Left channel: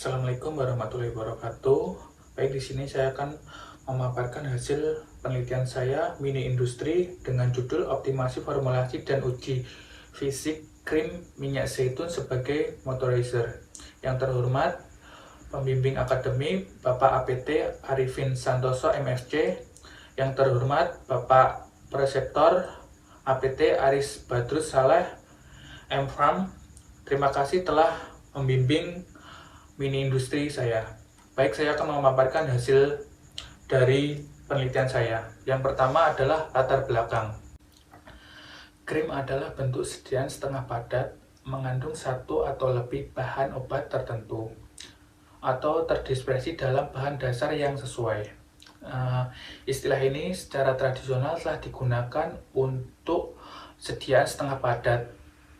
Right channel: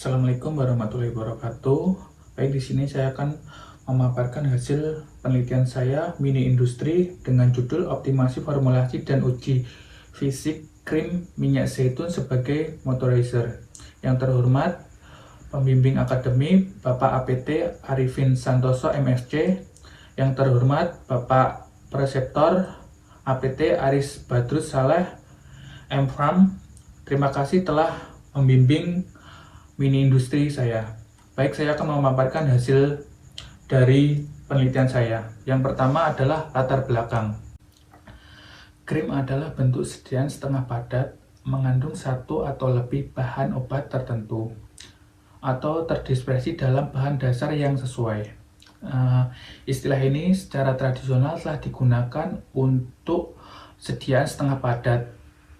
Assalamualaikum warahmatullahi wabarakatuh. Baik, di sini saya akan memaparkan hasil penelitian saya mini industri dengan judul optimasi formulasi dan uji fisik krim minyak zaitun sebagai moisturizer. Yang terhormat pembimbing akademi Bapak APT Arifin Santoso MFC, yang terhormat Bapak Preseptor APT Aris Badrus Saleh MFram. Terima kasih telah membimbing mini industri saya. Baik, saya akan memaparkan hasil dari penelitian saya. Yang pertama adalah latar belakang. Krim adalah bentuk sediaan setengah padat, mengandung satu atau lebih bahan obat tertentu, atau terdispersi dalam bahan dasar yang sesuai. Istilah ini secara tradisional telah digunakan untuk sediaan setengah padat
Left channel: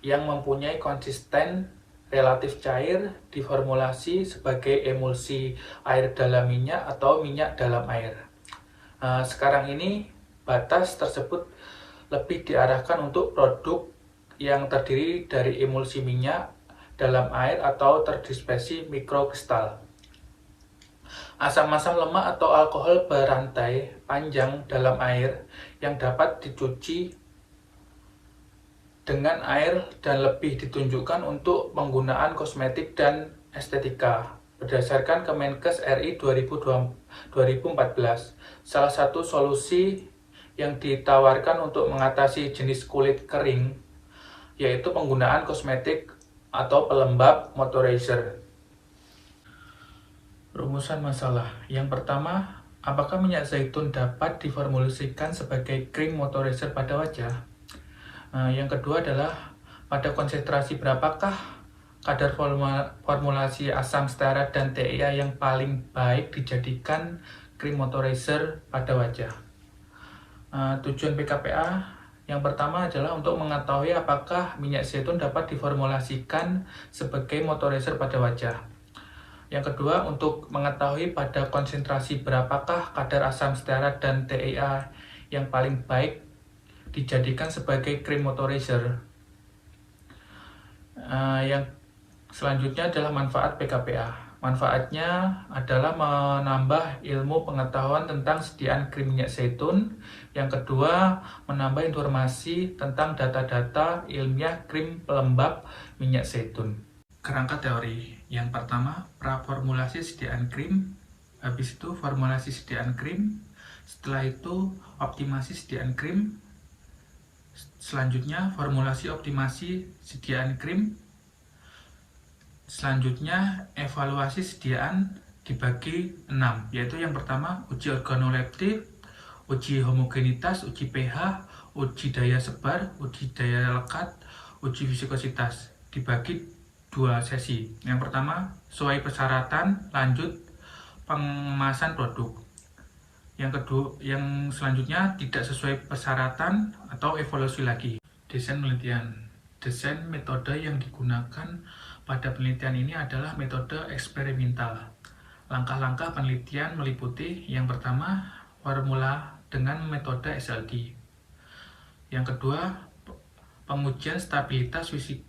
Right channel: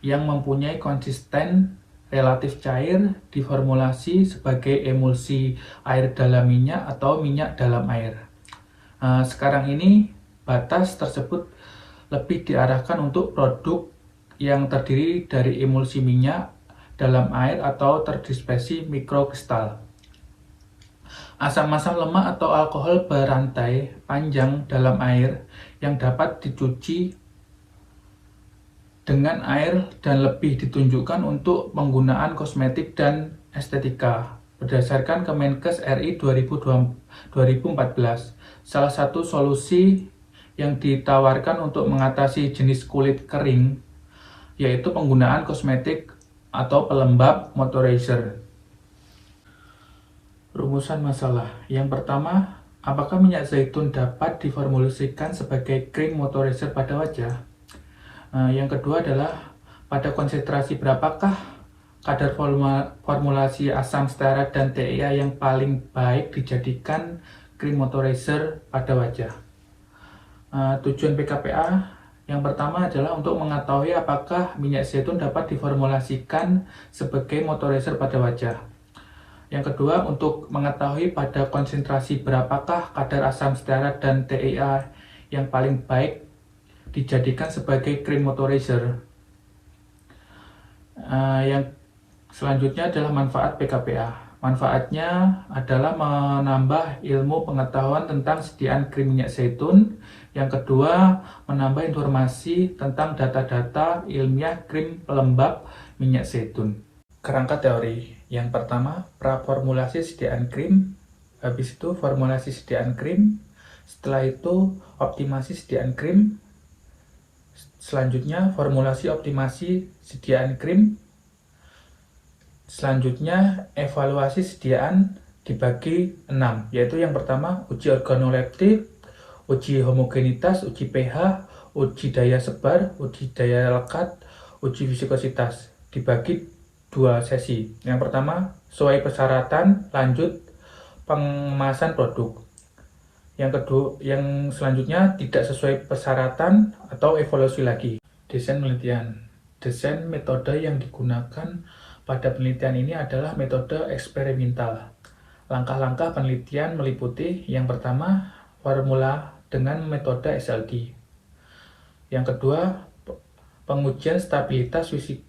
yang mempunyai konsisten relatif cair diformulasi sebagai emulsi air dalam minyak atau minyak dalam air. Sekarang ini batas tersebut lebih diarahkan untuk produk yang terdiri dari emulsi minyak dalam air atau terdispersi mikrokristal. Asam-asam lemak atau alkohol berantai panjang dalam air yang dapat dicuci dengan air dan lebih ditunjukkan untuk penggunaan kosmetik dan estetika berdasarkan Kemenkes RI 2014. Salah satu solusi yang ditawarkan untuk mengatasi jenis kulit kering yaitu penggunaan kosmetik atau pelembab moisturizer. Rumusan masalah. Yang pertama, apakah minyak zaitun dapat diformulasikan sebagai krim moisturizer pada wajah? Yang kedua adalah pada konsentrasi berapakah kadar formulasi asam stearat dan TEA yang paling baik dijadikan krim moisturizer pada wajah. Tujuan PKPA yang pertama adalah untuk mengetahui apakah minyak zaitun dapat diformulasikan sebagai moisturizer pada wajah. Yang kedua, untuk mengetahui pada konsentrasi berapakah kadar asam stearat dan TEA yang paling baik dijadikan sebagai krim moisturizer. Yang selanjutnya adalah manfaat PKPA. Manfaatnya adalah menambah ilmu pengetahuan tentang sediaan krim minyak zaitun. Yang kedua, menambah informasi tentang data-data ilmiah krim pelembab minyak zaitun. Kerangka teori. Yang pertama, praformulasi sediaan krim. Habis itu formulasi sediaan krim. Setelah itu optimasi sediaan krim. Selanjutnya formulasi optimasi sediaan krim. Selanjutnya evaluasi sediaan dibagi 6, yaitu yang pertama uji organoleptik, uji homogenitas, uji pH, uji daya sebar, uji daya lekat, uji viskositas, dibagi 2 sesi. Yang pertama sesuai persyaratan, lanjut pengemasan produk. Yang selanjutnya tidak sesuai persyaratan atau evaluasi lagi. Desain penelitian. Desain metode yang digunakan pada penelitian ini adalah metode eksperimental. Langkah-langkah penelitian meliputi yang pertama, formula dengan metode SLD. Yang kedua, pengujian stabilitas fisik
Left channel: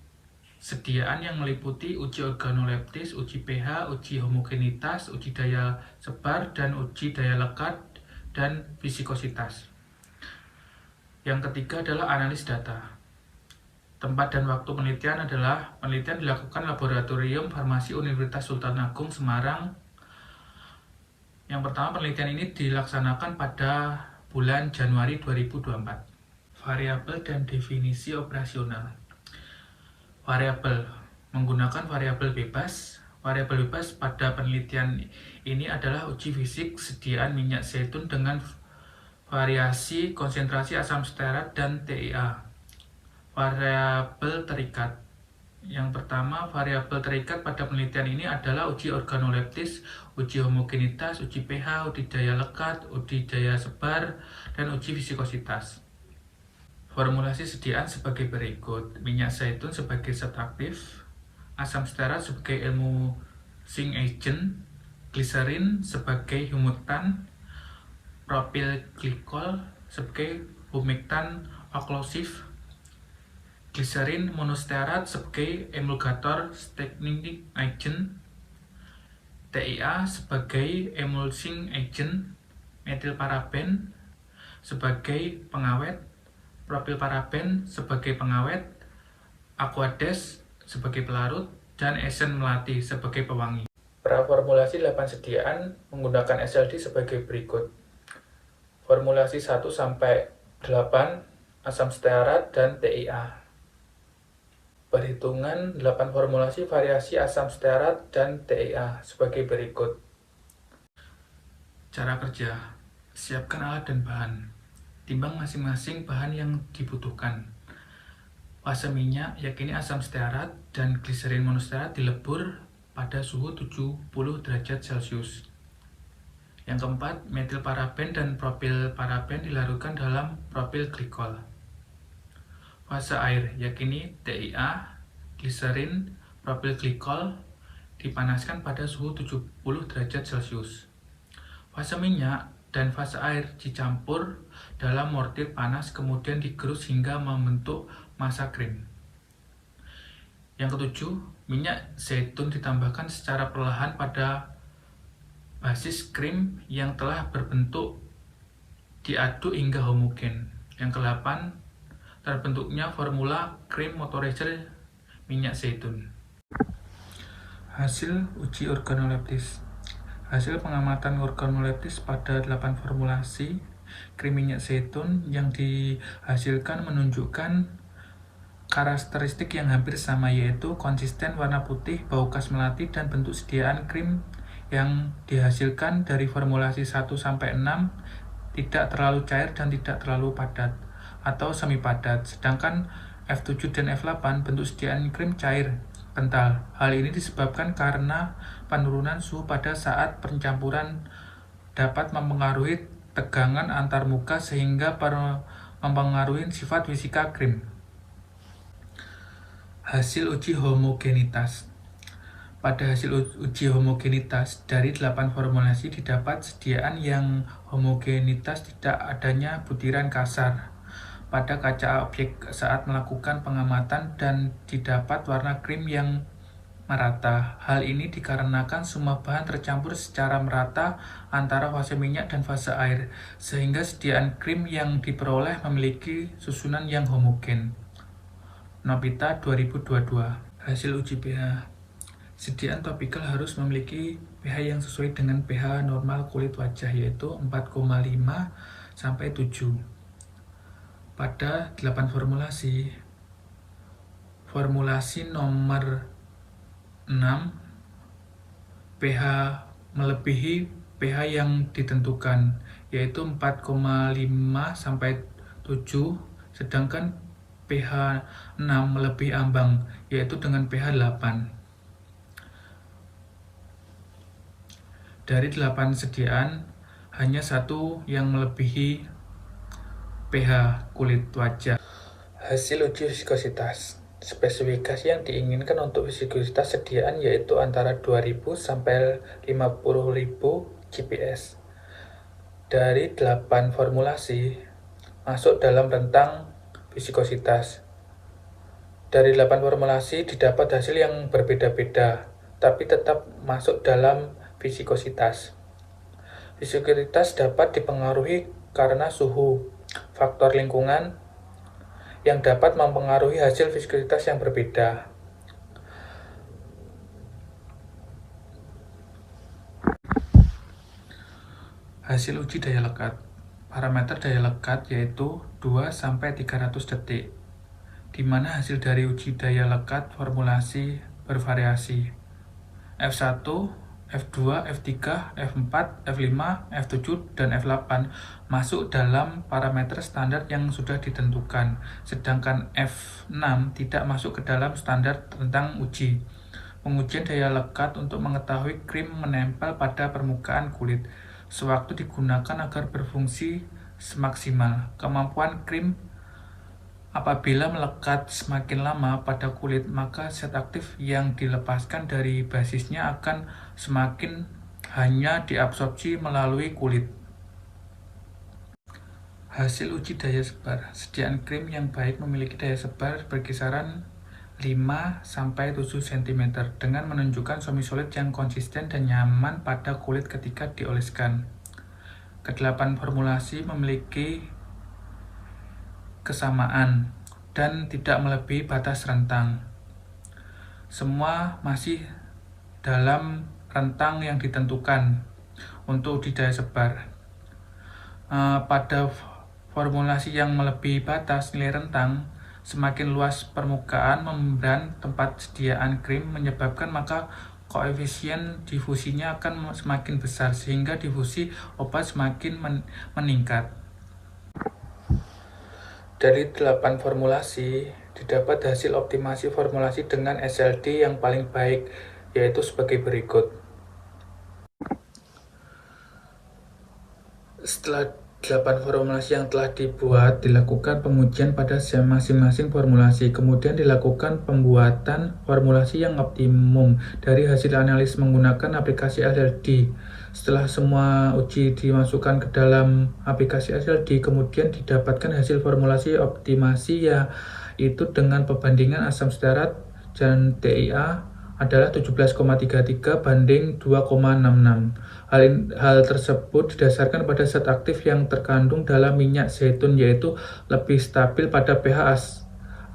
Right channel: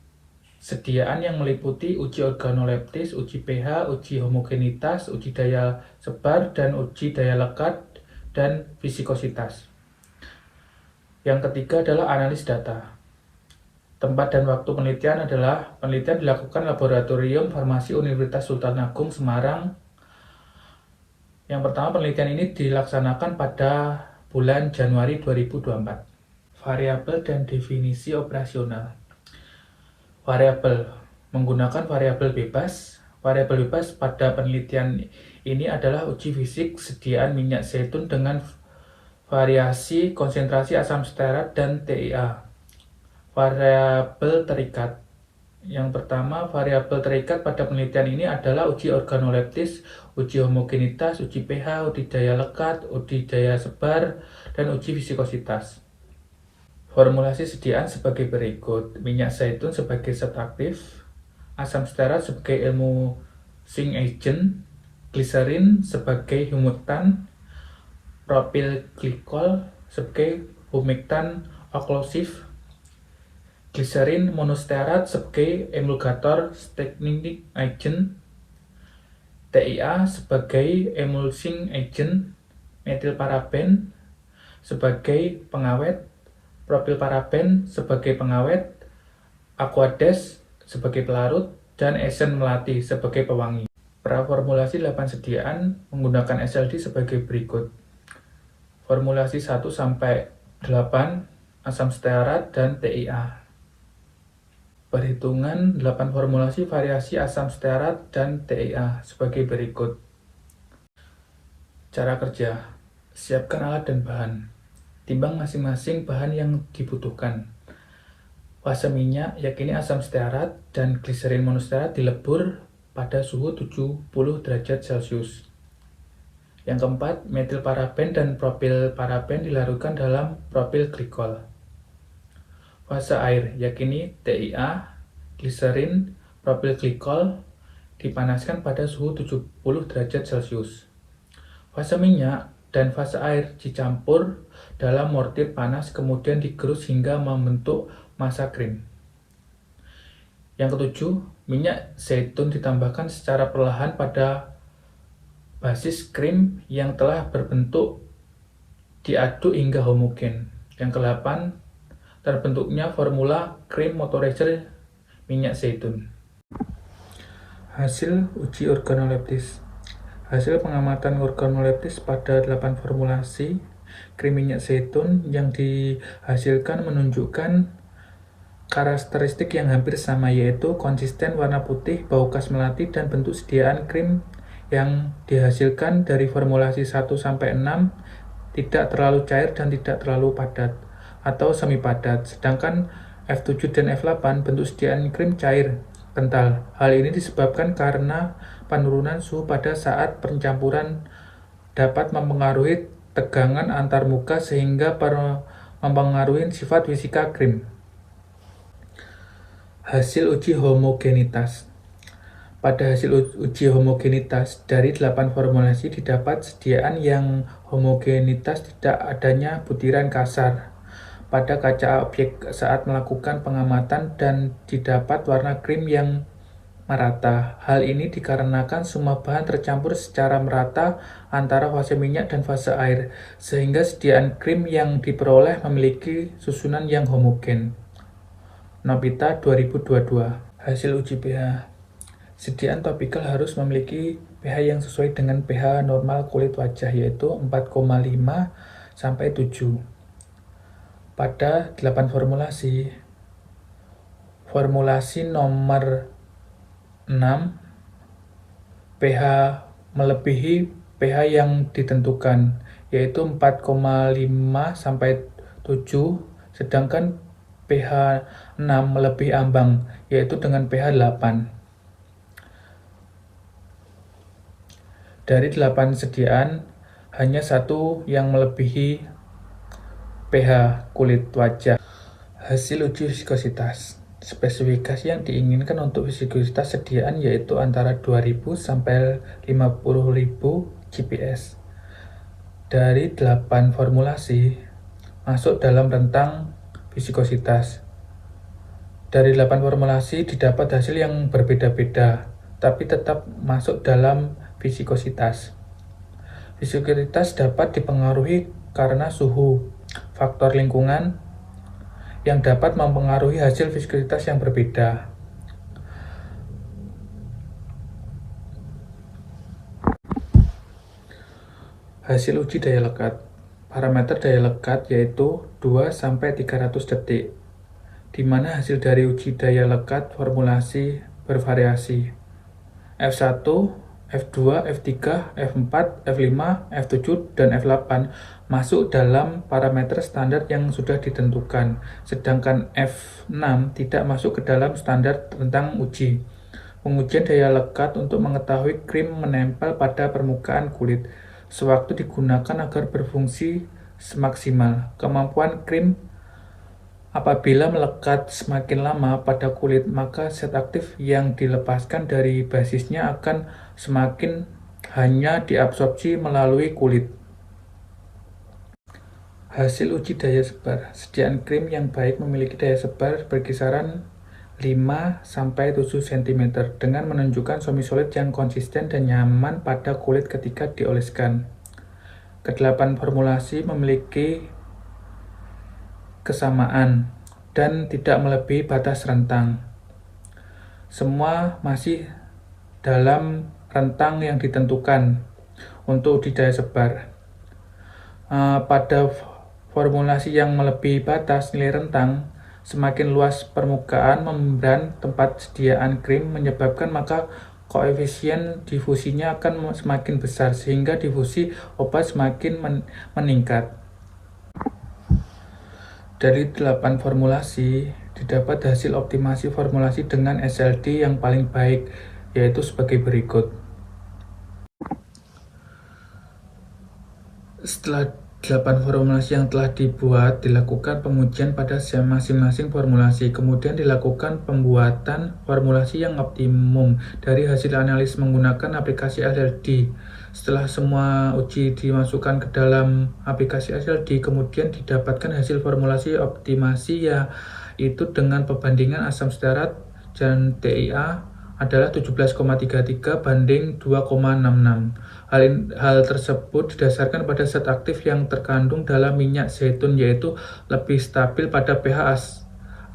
sediaan yang meliputi uji organoleptis, uji pH, uji homogenitas, uji daya sebar, dan uji daya lekat dan viskositas. Yang ketiga adalah analisis data. Tempat dan waktu penelitian adalah penelitian dilakukan Laboratorium Farmasi Universitas Sultan Agung Semarang. Yang pertama, penelitian ini dilaksanakan pada bulan Januari 2024. Variabel dan definisi operasional. Variabel menggunakan variabel bebas. Variabel bebas pada penelitian ini adalah uji fisik sediaan minyak zaitun dengan variasi konsentrasi asam stearat dan TEA. Variabel terikat. Yang pertama, variabel terikat pada penelitian ini adalah uji organoleptis, uji homogenitas, uji pH, uji daya lekat, uji daya sebar, dan uji viskositas. Formulasi sediaan sebagai berikut: minyak zaitun sebagai zat aktif, asam stearat sebagai emulsing agent, gliserin sebagai humektan, propil glikol sebagai humektan oklusif, gliserin monostearat sebagai emulgator staining agent, TIA sebagai emulsing agent, metilparaben sebagai pengawet, propilparaben sebagai pengawet, aqueous sebagai pelarut, dan esen melati sebagai pewangi. Praformulasi 8 sediaan menggunakan SLD sebagai berikut. Formulasi 1 sampai 8 asam stearat dan TIA. Perhitungan 8 formulasi variasi asam stearat dan TIA sebagai berikut. Cara kerja: siapkan alat dan bahan. Timbang masing-masing bahan yang dibutuhkan. Fase minyak, yakni asam stearat dan gliserin monostearat dilebur pada suhu 70 derajat Celcius. Yang keempat, metilparaben dan propilparaben dilarutkan dalam propil glikol. Fase air, yakni TIA, gliserin, propil glikol dipanaskan pada suhu 70 derajat Celcius. Fase minyak dan fase air dicampur dalam mortir panas kemudian digerus hingga membentuk massa krim. Yang ketujuh, minyak zaitun ditambahkan secara perlahan pada basis krim yang telah berbentuk diaduk hingga homogen. Yang ke-8, terbentuknya formula krim moisturizer minyak zaitun. Hasil uji organoleptis. Hasil pengamatan organoleptis pada 8 formulasi krim minyak zaitun yang dihasilkan menunjukkan karakteristik yang hampir sama, yaitu konsisten warna putih, bau khas melati, dan bentuk sediaan krim yang dihasilkan dari formulasi 1 sampai 6 tidak terlalu cair dan tidak terlalu padat atau semi padat, sedangkan F7 dan F8 bentuk sediaan krim cair, kental. Hal ini disebabkan karena penurunan suhu pada saat pencampuran dapat mempengaruhi tegangan antar muka sehingga mempengaruhi sifat fisika krim. Hasil uji homogenitas. Pada hasil uji homogenitas, dari 8 formulasi didapat sediaan yang homogenitas tidak adanya butiran kasar pada kaca objek saat melakukan pengamatan dan didapat warna krim yang merata. Hal ini dikarenakan semua bahan tercampur secara merata antara fase minyak dan fase air, sehingga sediaan krim yang diperoleh memiliki susunan yang homogen. Nobita 2022. Hasil uji pH. Sediaan topikal harus memiliki pH yang sesuai dengan pH normal kulit wajah, yaitu 4,5 sampai 7. Pada 8 formulasi, formulasi nomor 6, pH melebihi pH yang ditentukan, yaitu 4,5 sampai 7, sedangkan pH 6 melebihi ambang, yaitu dengan pH 8. Dari 8 sediaan, hanya satu yang melebihi pH kulit wajah. Hasil uji viskositas. Spesifikasi yang diinginkan untuk viskositas sediaan yaitu antara 2000 sampai 50.000 GPS. Dari 8 formulasi masuk dalam rentang viskositas. Dari 8 formulasi didapat hasil yang berbeda-beda, tapi tetap masuk dalam viskositas. Viskositas dapat dipengaruhi karena suhu, faktor lingkungan yang dapat mempengaruhi hasil viskositas yang berbeda. Hasil uji daya lekat. Parameter daya lekat yaitu 2-300 detik, di mana hasil dari uji daya lekat formulasi bervariasi. F1, F2, F3, F4, F5, F7, dan F8 masuk dalam parameter standar yang sudah ditentukan, sedangkan F6 tidak masuk ke dalam standar tentang uji. Pengujian daya lekat untuk mengetahui krim menempel pada permukaan kulit sewaktu digunakan agar berfungsi semaksimal. Kemampuan krim apabila melekat semakin lama pada kulit, maka zat aktif yang dilepaskan dari basisnya akan semakin hanya diabsorpsi melalui kulit. Hasil uji daya sebar. Sediaan krim yang baik memiliki daya sebar berkisaran 5-7 cm dengan menunjukkan semi-solid yang konsisten dan nyaman pada kulit ketika dioleskan. Kedelapan formulasi memiliki kesamaan dan tidak melebihi batas rentang. Semua masih dalam rentang yang ditentukan untuk uji daya sebar. Pada formulasi yang melebihi batas nilai rentang, semakin luas permukaan membran tempat sediaan krim menyebabkan maka koefisien difusinya akan semakin besar sehingga difusi obat semakin meningkat. Dari 8 formulasi didapat hasil optimasi formulasi dengan SLD yang paling baik, yaitu sebagai berikut. Setelah 8 formulasi yang telah dibuat, dilakukan pengujian pada masing-masing formulasi. Kemudian dilakukan pembuatan formulasi yang optimum dari hasil analisis menggunakan aplikasi SLD. Setelah semua uji dimasukkan ke dalam aplikasi SLD, kemudian didapatkan hasil formulasi optimasi, yaitu dengan perbandingan asam stearat dan TIA adalah 17,33 banding 2,66. Hal tersebut didasarkan pada zat aktif yang terkandung dalam minyak zaitun, yaitu lebih stabil pada pH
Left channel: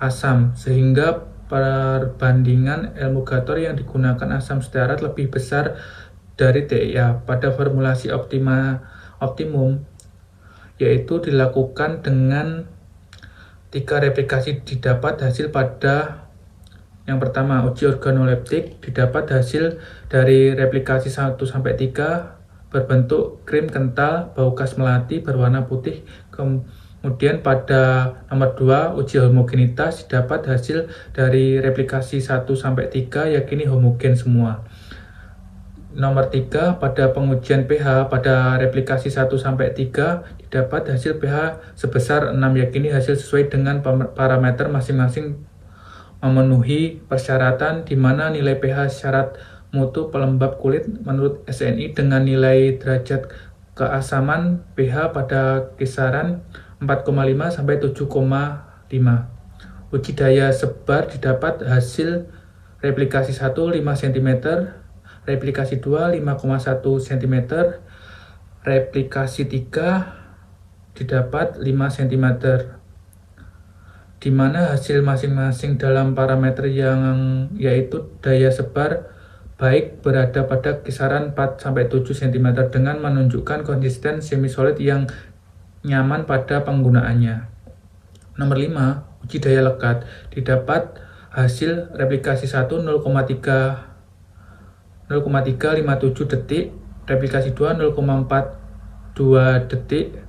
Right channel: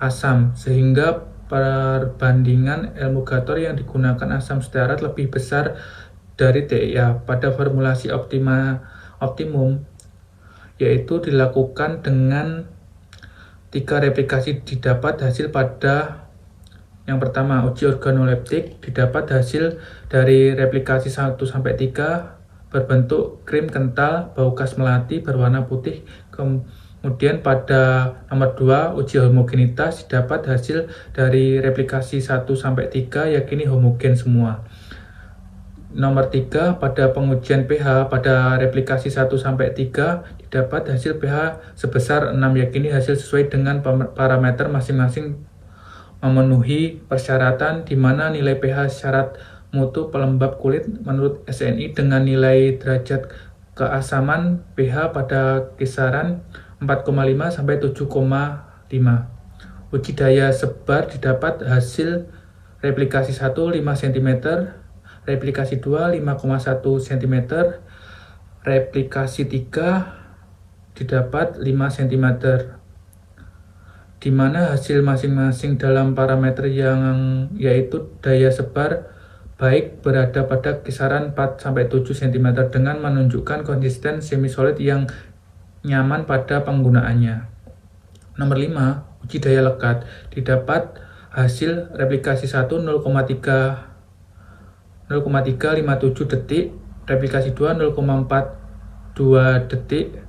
asam, sehingga perbandingan emulgator yang digunakan asam stearat lebih besar dari TIA. Pada formulasi optimum, yaitu dilakukan dengan 3 replikasi, didapat hasil pada yang pertama, uji organoleptik, didapat hasil dari replikasi 1-3 berbentuk krim kental, bau khas melati, berwarna putih. Kemudian pada nomor 2, uji homogenitas, didapat hasil dari replikasi 1-3 yakini homogen semua. Nomor 3, pada pengujian pH pada replikasi 1-3 didapat hasil pH sebesar 6 yakini hasil sesuai dengan parameter masing-masing memenuhi persyaratan, di mana nilai pH syarat mutu pelembab kulit menurut SNI dengan nilai derajat keasaman pH pada kisaran 4,5 sampai 7,5. Uji daya sebar didapat hasil replikasi 1 5 cm, replikasi 2 5,1 cm, replikasi 3 didapat 5 cm. Di mana hasil masing-masing dalam parameter yang yaitu daya sebar baik berada pada kisaran 4-7 cm dengan menunjukkan konsisten semi-solid yang nyaman pada penggunaannya. Nomor 5, uji daya lekat, didapat hasil replikasi 1 0,357 detik, replikasi 2 0,42 detik,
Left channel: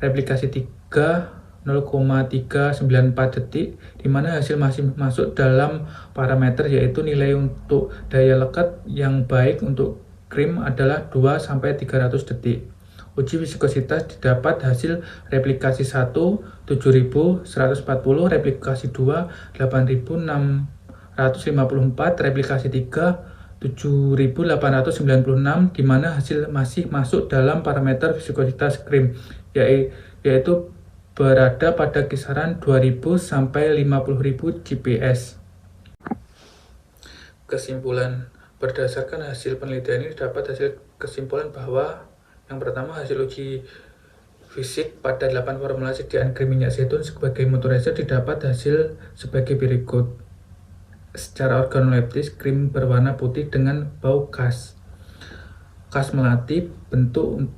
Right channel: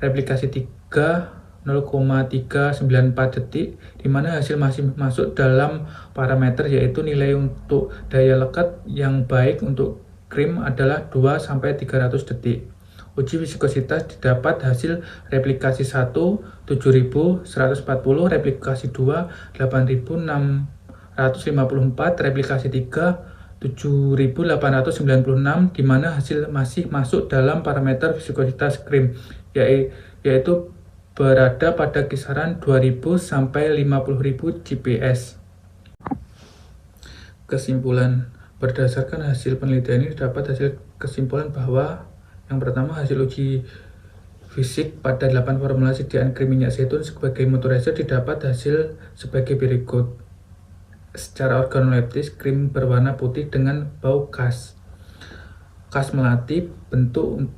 replikasi 3 0,394 detik, di mana hasil masih masuk dalam parameter, yaitu nilai untuk daya lekat yang baik untuk krim adalah 2-300 detik. Uji viskositas didapat hasil replikasi 1 7140, replikasi 2 8654, replikasi 3 7896, di mana hasil masih masuk dalam parameter viskositas krim, yaitu berada pada kisaran 2000 sampai 50.000 GPS. Kesimpulan, berdasarkan hasil penelitian ini dapat hasil kesimpulan bahwa yang pertama, hasil uji fisik pada 8 formulasi sediaan krim minyak zaitun sebagai moisturizer didapat hasil sebagai berikut. Secara organoleptis, krim berwarna putih dengan bau khas melati. Bentuk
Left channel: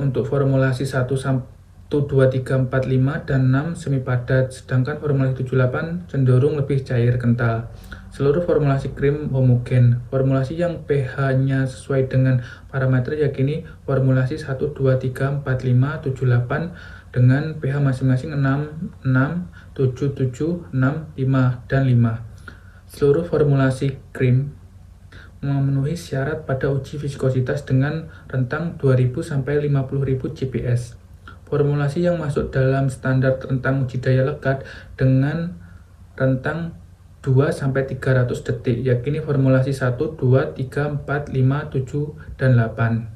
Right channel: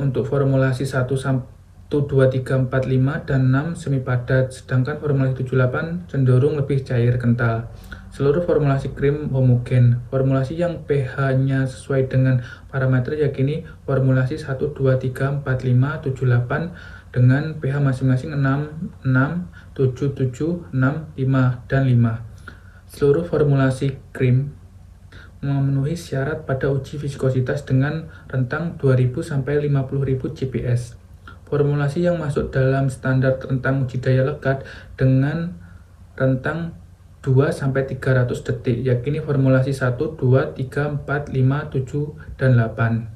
untuk formulasi 1, 2, 3, 4, 5, dan 6 semi padat, sedangkan formulasi 7, 8 cenderung lebih cair kental. Seluruh formulasi krim homogen. Formulasi yang pH-nya sesuai dengan parameter yakini formulasi 1, 2, 3, 4, 5, 7, 8 dengan pH masing-masing 6, 6, 7, 7, 6, 5, dan 5. Seluruh formulasi krim memenuhi syarat pada uji viskositas dengan rentang 2000 sampai 50.000 GPS. Formulasi yang masuk dalam standar rentang uji daya lekat dengan rentang 2-300 detik, yakini formulasi 1, 2, 3, 4, 5, 7, dan 8.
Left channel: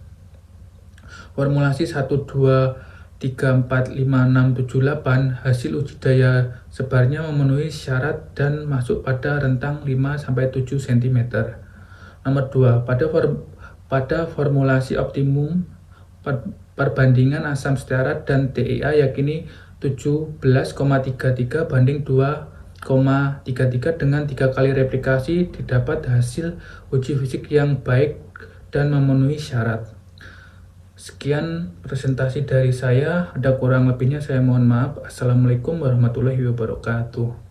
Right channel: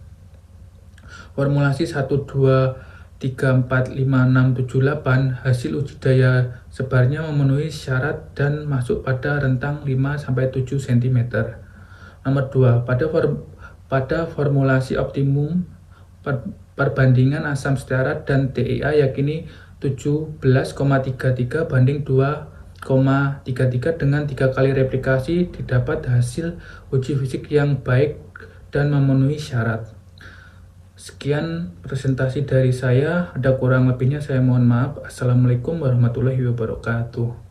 Formulasi 1, 2, 3,45678 hasil uji daya sebarnya memenuhi syarat dan masuk pada rentang 5-7 cm. Nomor 2, pada formulasi optimum perbandingan asam stearat dan TEA yakini 17,33 banding 2,33 dengan 3 kali replikasi didapat hasil uji fisik yang baik dan memenuhi syarat. Sekian presentasi dari saya, ada kurang lebihnya saya mohon maaf. Assalamualaikum warahmatullahi wabarakatuh.